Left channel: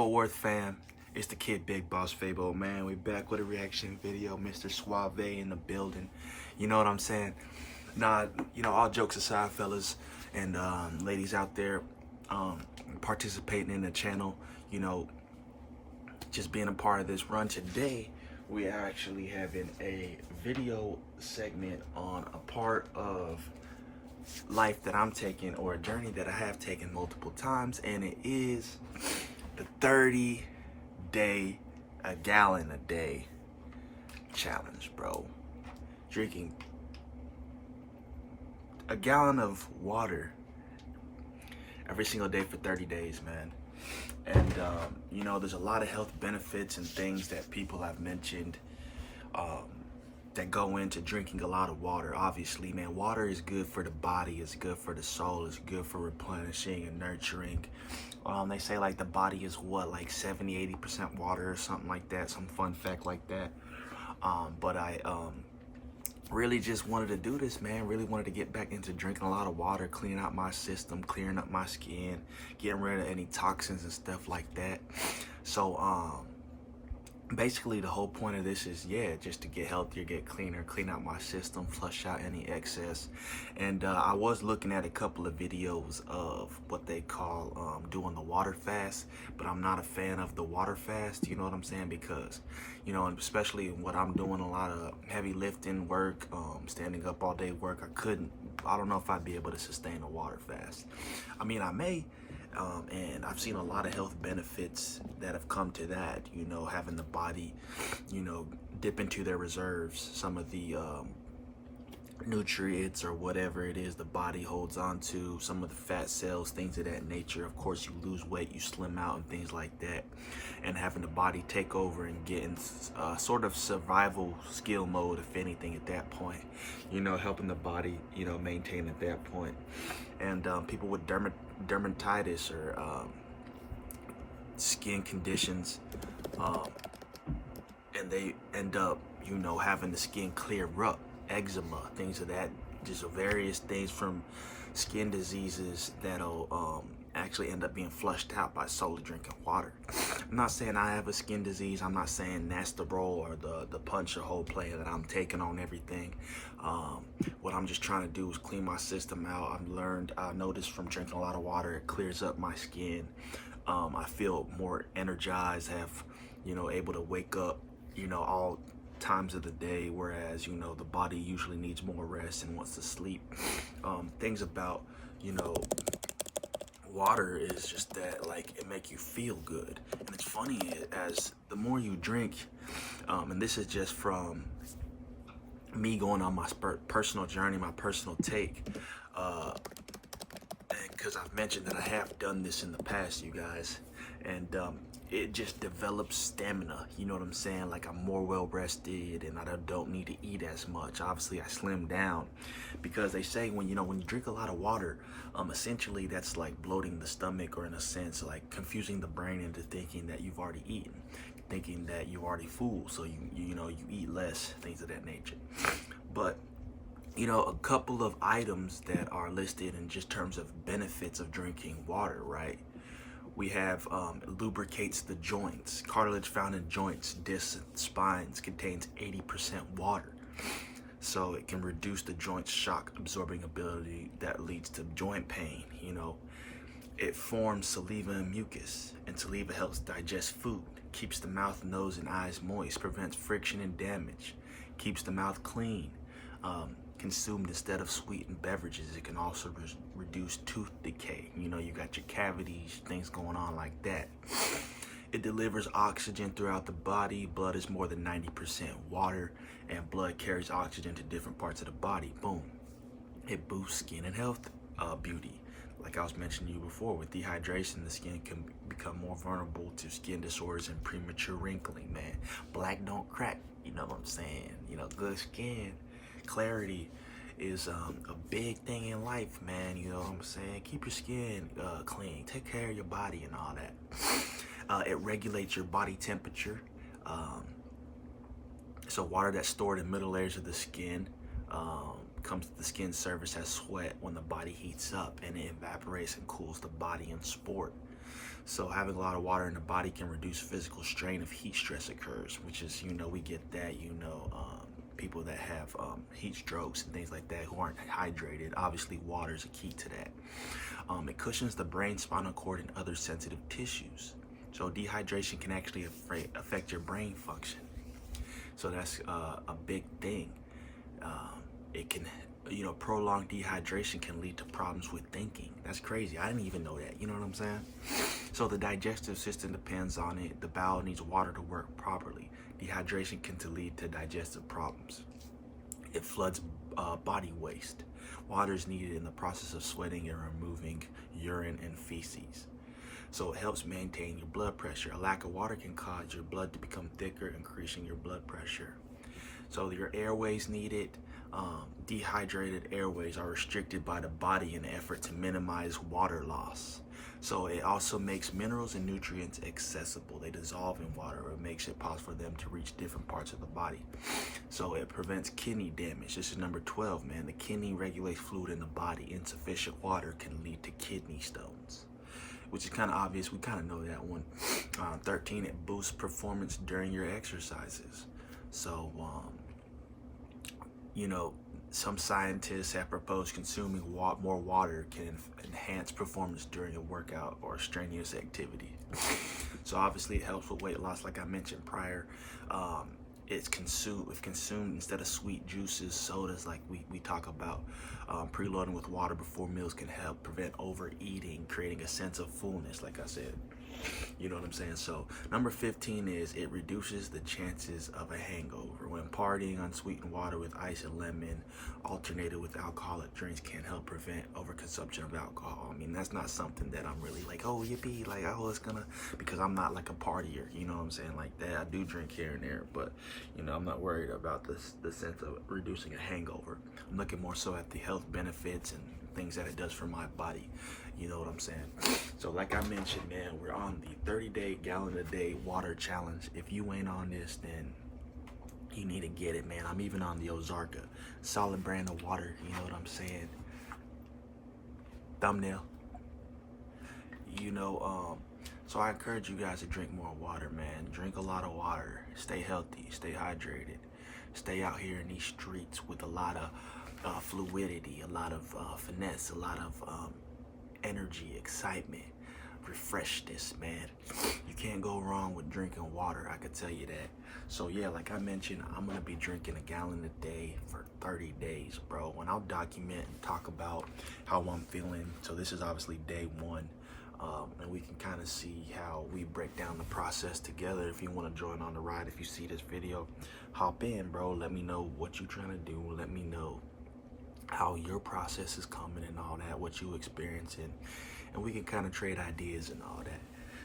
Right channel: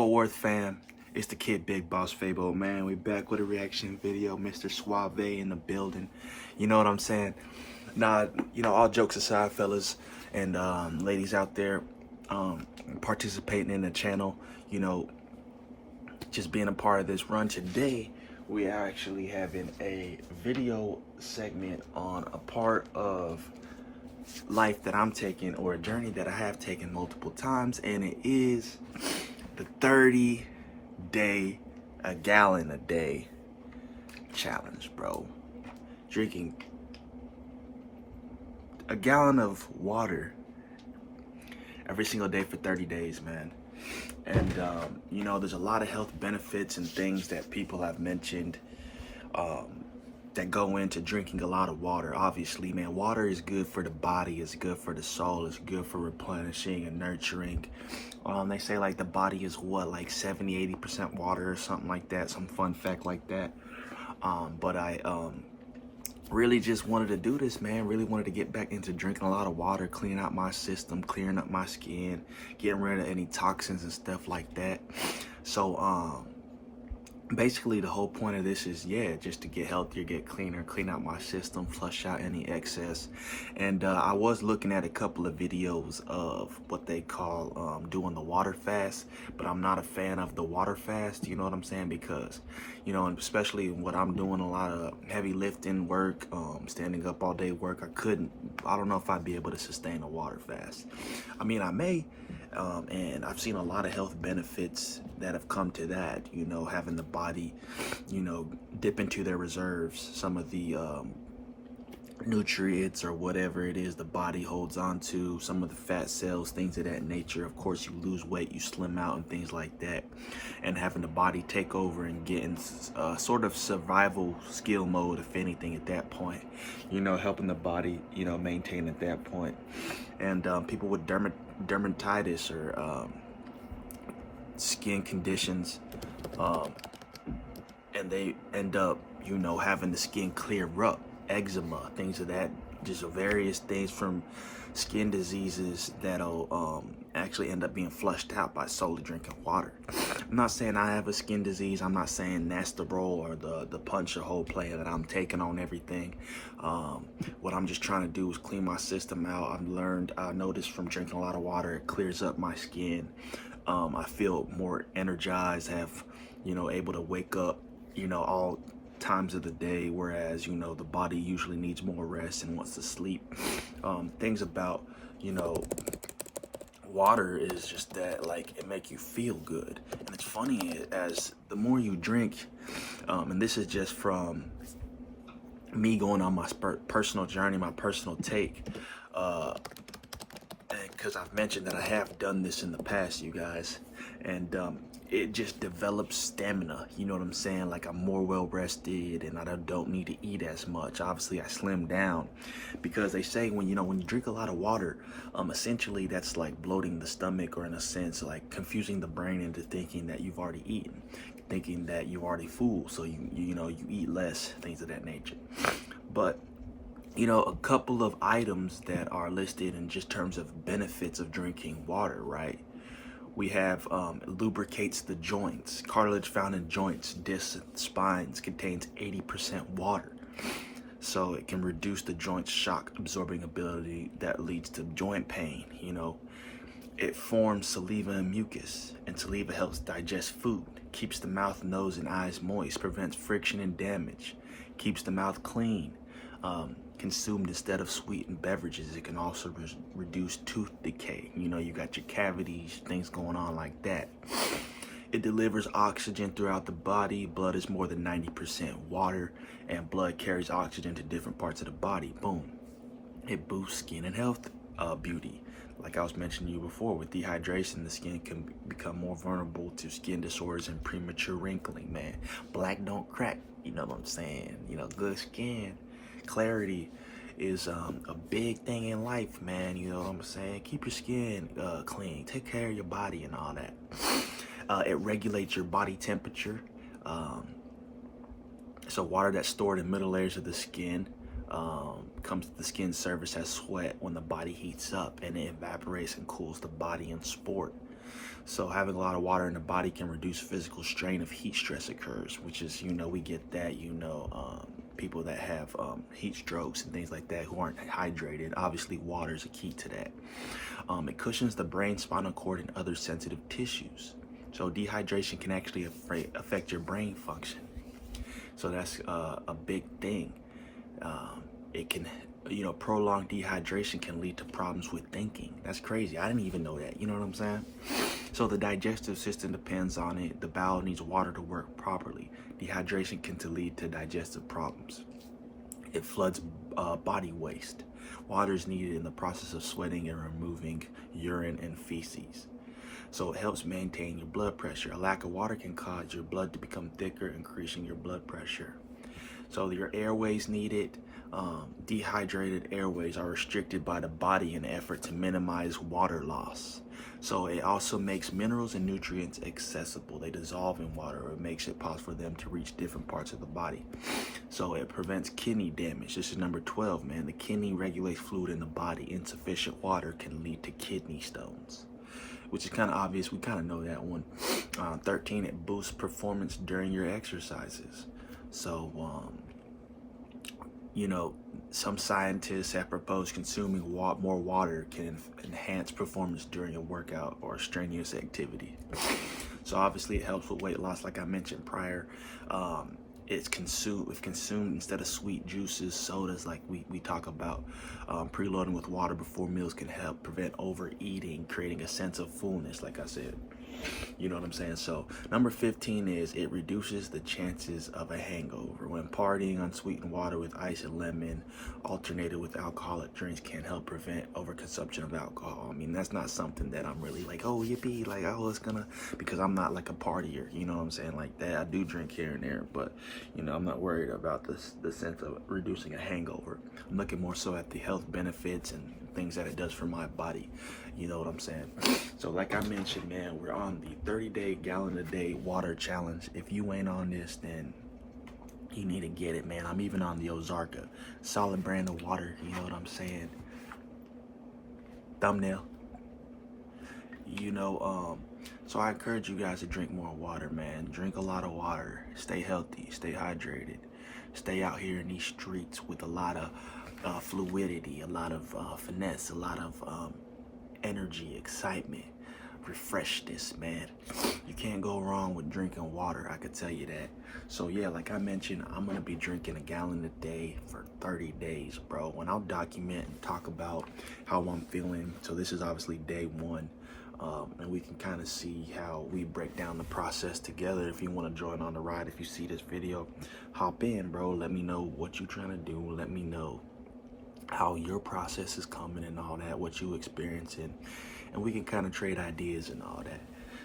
Fort Worth fam? It's the kid Big Boss Fabo, man. We back with a reaction video. Mr. Suave in the building. You know what I'm saying? Nah, all jokes aside, fellas and ladies out there participating in the channel, just being a part of this run today, we are actually having a video segment on a part of life that I'm taking, or a journey that I have taken multiple times, and it is the 30-day, a gallon a day challenge, bro. Drinking a gallon of water every single day for 30 days, man. And there's a lot of health benefits and things that people have mentioned that go into drinking a lot of water. Obviously, man, water is good for the body, it's good for the soul, it's good for replenishing and nurturing. They say like the body is what, like 70-80% water or something like that, some fun fact like that. But I really just wanted to do this, man. Really wanted to get back into drinking a lot of water, cleaning out my system, clearing up my skin, getting rid of any toxins and stuff like that. So basically the whole point of this is, just to get healthier, get cleaner, clean out my system, flush out any excess. And I was looking at a couple of videos of what they call doing the water fast, but I'm not a fan of the water fast, you know what I'm saying? Because, and especially what I'm doing, a lot of heavy lifting work, standing up all day work, I don't know if I'd be able to sustain a water fast. I mean, I may, and I've seen a lot of health benefits that have come to that, having the body, dip into their reserves, some of the nutrients or whatever it is the body holds on to, some of the fat cells, things of that nature. Of course, you lose weight, you slim out and things like that, and having the body take over and get in sort of survival skill mode, if anything, at that point, helping the body, maintain at that point. And people with dermatitis or skin conditions, and they end up, having the skin clear up, eczema, things of that, just various things from skin diseases that'll actually end up being flushed out by solely drinking water. I'm not saying I have a skin disease. I'm not saying that's the role or the punch or whole play that I'm taking on everything. What I'm just trying to do is clean my system out. I noticed from drinking a lot of water, it clears up my skin. I feel more energized, have, able to wake up, all times of the day, whereas, the body usually needs more rest and wants to sleep. Things about, water is just that, like, it make you feel good. And it's funny, as the more you drink, and this is just from me going on my personal journey, my personal take, because I've mentioned that I have done this in the past, you guys, and it just develops stamina, you know what I'm saying? Like, I'm more well rested and I don't need to eat as much. Obviously, I slimmed down because they say when you drink a lot of water, essentially that's like bloating the stomach, or in a sense like confusing the brain into thinking that you've already eaten, thinking that you're already full, so you eat less, things of that nature. But a couple of items that are listed in just terms of benefits of drinking water, right? We have lubricates the joints. Cartilage found in joints, discs, and spines contains 80% water. So it can reduce the joint's shock absorbing ability that leads to joint pain, It forms saliva and mucus, and saliva helps digest food, keeps the mouth, nose, and eyes moist, prevents friction and damage, keeps the mouth clean. Consumed instead of sweetened beverages, it can also reduce tooth decay. You got your cavities, things going on like that. It delivers oxygen throughout the body. Blood is more than 90% water, and blood carries oxygen to different parts of the body. Boom. It boosts skin and health, beauty. Like I was mentioning to you before, with dehydration, the skin can become more vulnerable to skin disorders and premature wrinkling, man. Black don't crack, you know what I'm saying? Good skin, clarity is a big thing in life, man. You know what I'm saying? Keep your skin clean, take care of your body and all that. It regulates your body temperature. So water that's stored in middle layers of the skin comes to the skin surface as sweat when the body heats up, and it evaporates and cools the body in sport. So having a lot of water in the body can reduce physical strain if heat stress occurs, which is, we get that, people that have heat strokes and things like that who aren't hydrated. Obviously, water is a key to that. It cushions the brain, spinal cord, and other sensitive tissues. So dehydration can actually affect your brain function. So that's a big thing. It can, prolonged dehydration can lead to problems with thinking. That's crazy. I didn't even know that. You know what I'm saying? So the digestive system depends on it. The bowel needs water to work properly. Dehydration can lead to digestive problems. It floods body waste. Water is needed in the process of sweating and removing urine and feces. So it helps maintain your blood pressure. A lack of water can cause your blood to become thicker, increasing your blood pressure. So your airways need it. Dehydrated airways are restricted by the body in an effort to minimize water loss. So it also makes minerals and nutrients accessible. They dissolve in water, or it makes it possible for them to reach different parts of the body. So it prevents kidney damage. This is number 12, man. The kidney regulates fluid in the body. Insufficient water can lead to kidney stones, which is kind of obvious. We kind of know that one. 13, it boosts performance during your exercises. So, some scientists have proposed consuming more water can enhance performance during a workout or a strenuous activity. So obviously it helps with weight loss, like I mentioned prior. If consumed instead of sweet juices, sodas, like we talk about, preloading with water before meals can help prevent overeating, creating a sense of fullness, like I said. You know what I'm saying? So number 15 is it reduces the chances of a hangover. When partying, unsweetened water with ice and lemon alternated with alcoholic drinks can help prevent overconsumption of alcohol. I mean, that's not something that I'm really like, oh, yippee, like, oh, it's gonna, because I'm not like a partier, you know what I'm saying? Like that, I do drink here and there, but, I'm not worried about the sense of reducing a hangover. I'm looking more so at the health benefits and things that it does for my body. You know what I'm saying? So like I mentioned, man, we're on the 30-day gallon a day water challenge. If you ain't on this, then you need to get it, man. I'm even on the Ozarka, solid brand of water. You know what I'm saying? Thumbnail. So I encourage you guys to drink more water, man. Drink a lot of water. Stay healthy. Stay hydrated. Stay out here in these streets with a lot of fluidity, a lot of finesse, a lot of energy, excitement. Refresh this, man. You can't go wrong with drinking water, I could tell you that. So yeah, like I mentioned, I'm gonna be drinking a gallon a day for 30 days, bro. When I'll document and talk about how I'm feeling. So this is obviously day 1. And we can kind of see how we break down the process together. If you want to join on the ride, if you see this video, hop in, bro. Let me know what you're trying to do. Let me know how your process is coming and all that, what you experiencing, and we can kind of trade ideas and all that.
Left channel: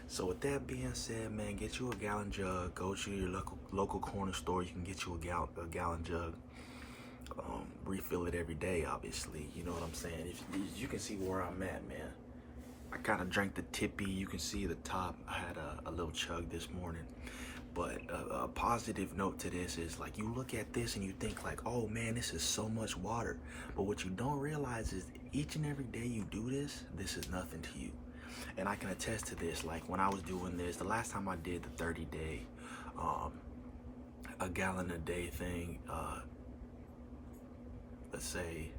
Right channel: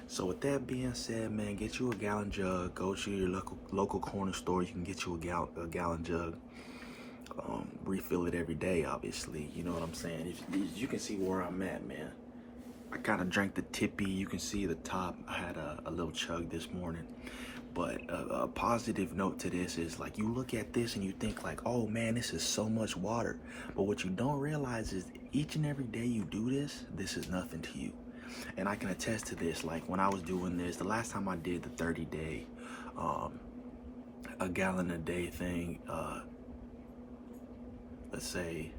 So with that being said, man, get you a gallon jug. Go to your local corner store. You can get you a gallon jug. Refill it every day, obviously. You know what I'm saying? If you can see where I'm at, man. I kind of drank the tippy. You can see the top. I had a little chug this morning. But a positive note to this is, like, you look at this and you think like, oh man, this is so much water. But what you don't realize is each and every day you do this is nothing to you. And I can attest to this. Like when I was doing this, the last time I did the 30-day, a gallon a day thing, let's say,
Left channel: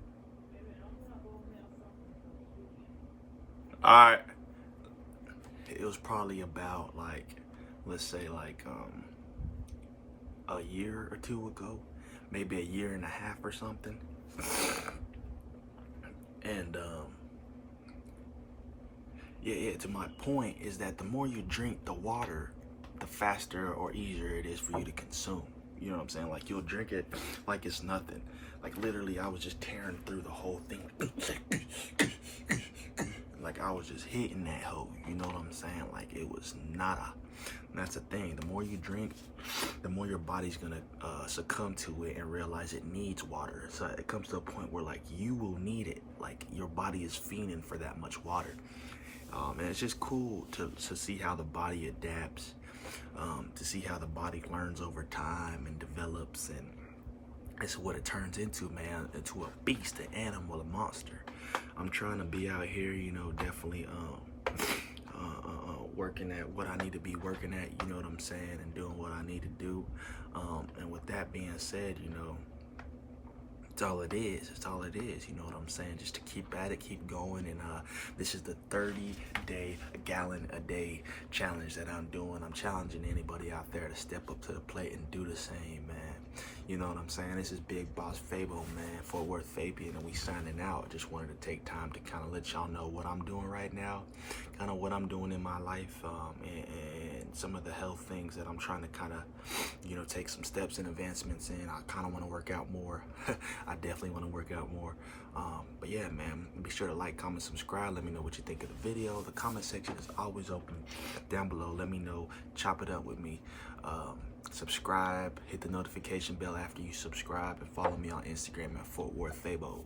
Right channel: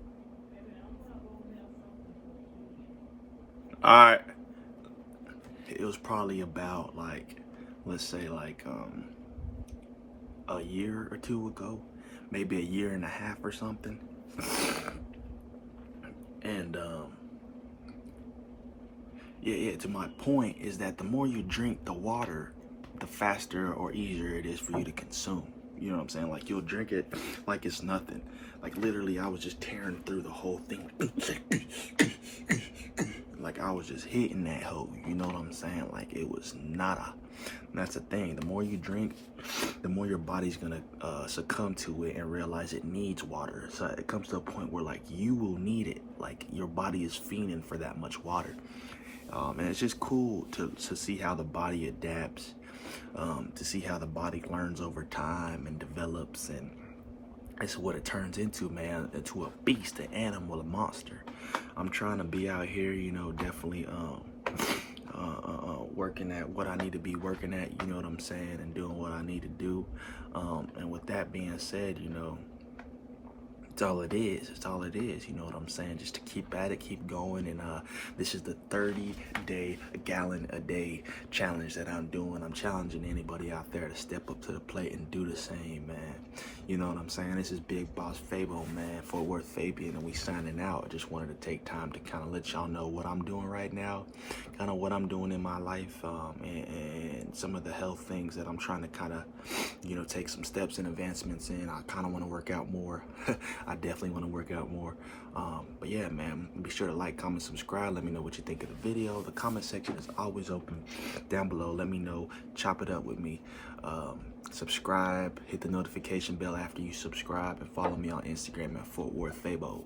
all right, it was probably about like, let's say like a year or 2 ago, maybe a year and a half or something. And yeah, to my point is that the more you drink the water, the faster or easier it is for you to consume. You know what I'm saying? Like you'll drink it like it's nothing. Like literally I was just tearing through the whole thing. Like I was just hitting that hole, you know what I'm saying? Like it was nada. And that's the thing. The more you drink, the more your body's gonna succumb to it and realize it needs water. So it comes to a point where like you will need it. Like your body is fiending for that much water. And it's just cool to see how the body adapts, to see how the body learns over time and develops, and it's what it turns into, man, into a beast, an animal, a monster. I'm trying to be out here, definitely working at what I need to be working at, you know what I'm saying, and doing what I need to do. And with that being said, you know, it's all it is. It's all it is. You know what I'm saying? Just to keep at it, keep going. And this is the 30-day, a gallon a day challenge that I'm doing. I'm challenging anybody out there to step up to the plate and do the same, man. You know what I'm saying? This is Big Boss Fabo, man, Fort Worth Fabian, and we signing out. I just wanted to take time to kind of let y'all know what I'm doing right now, kind of what I'm doing in my life, and some of the health things that I'm trying to kind of, you know, take some steps and advancements in. I kind of want to work out more. I definitely want to work out more. But yeah, man, be sure to like, comment, subscribe. Let me know what you think of the video. The comment section is always open down below. Let me know. Chop it up with me. Subscribe. Hit the notification bell after you subscribe. And follow me on Instagram at Fort Worth Fabo.